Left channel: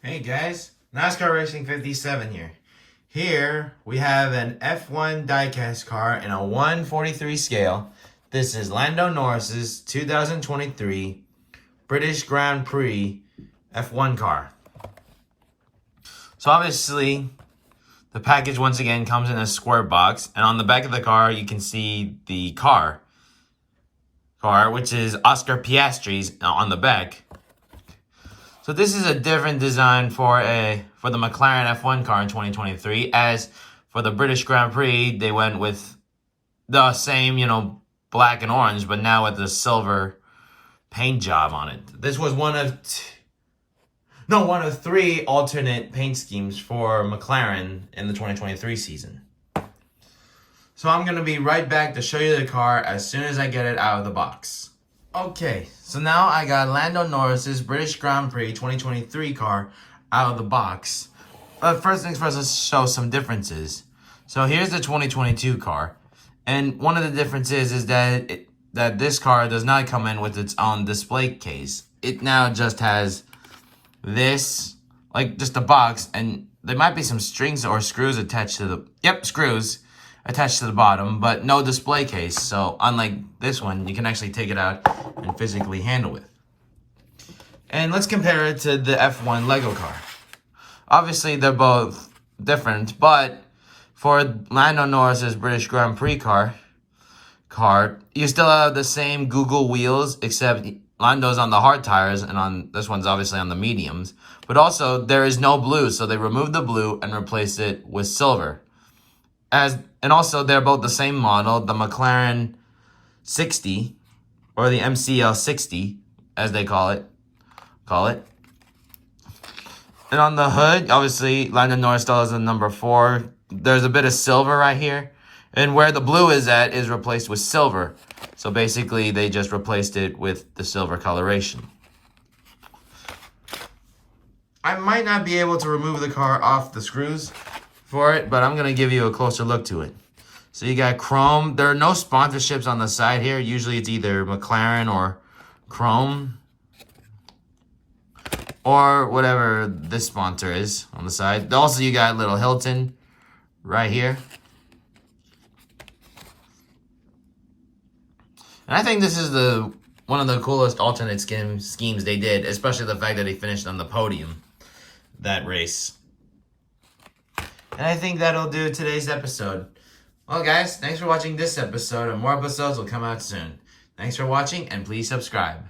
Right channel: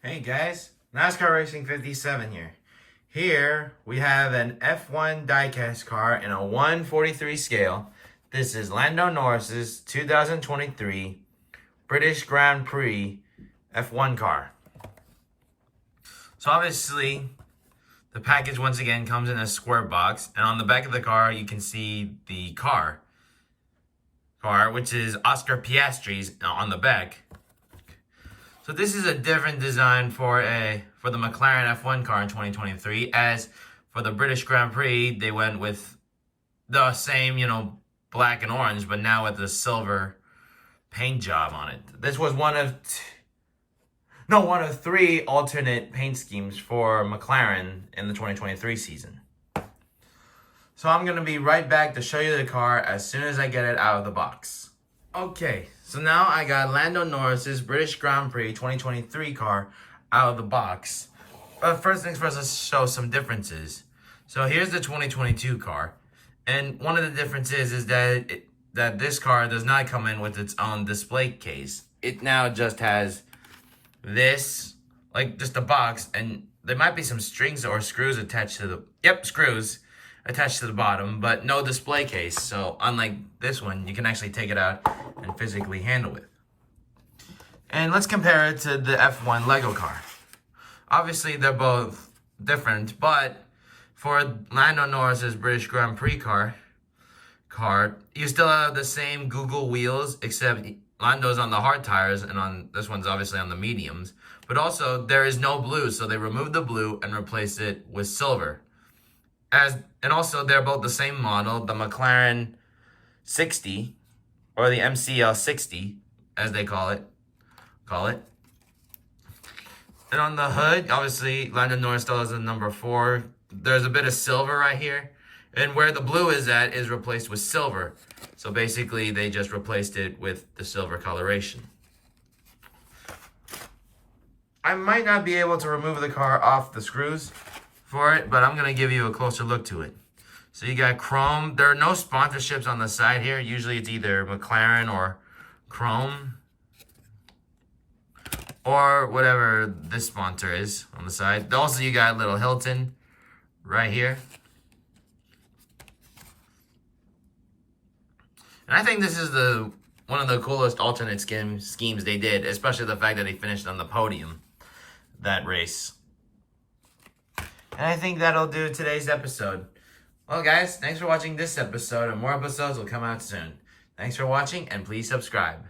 Hey guys, NASCAR Racing 57 here. Here we have an F1 diecast car in a 1/43 scale. This is Lando Norris's 2023 British Grand Prix F1 car. So obviously, the package once again comes in a square box, and on the back of the car you can see the car, which is Oscar Piastri's on the back. So this is a different design for the McLaren F1 car in 2023. As for the British Grand Prix, they went with the same, black and orange, but now with the silver paint job on it. This was one of three alternate paint schemes for McLaren in the 2023 season. So I'm going to be right back to show you the car as soon as I get it out of the box. Okay, so now I got Lando Norris's British Grand Prix 2023 car out of the box. But first things first, let's show some differences. So here's the 2022 car. And one of the differences is that this car does not come in with its own display case. It now just has this, like just a box, and there might be some strings or screws attached to screws attached to the bottom, but no display case. So unlike this one, you can actually take it out and physically handle it. And let's compare it to the F1 Lego car. Obviously, they're both different, but for Lando Norris's British Grand Prix car, you still have the same Google wheels, except Lando's on the hard tires, and on this one's obviously on the mediums. But also, there is no blue, so they removed the blue and replaced it with silver. And also, they're both the same model, the McLaren 60, or the MCL 60, as they call it. And on the hood, obviously, Lando Norris still has the number 4. There's a bit of silver right here. And where the blue is at is replaced with silver. So basically, they just replaced it with the silver coloration. I might not be able to remove the car off the screws for it, but I'm going to give you a closer look to it. So you got chrome. There are no sponsorships on the side here. Usually it's either McLaren or Chrome, or whatever this sponsor is on the side. Also, you got little Hilton right here. And I think this is one of the coolest alternate schemes they did, especially the fact that he finished on the podium that race. And I think that'll do today's episode. Well, guys, thanks for watching this episode, and more episodes will come out soon. Thanks for watching, and please subscribe.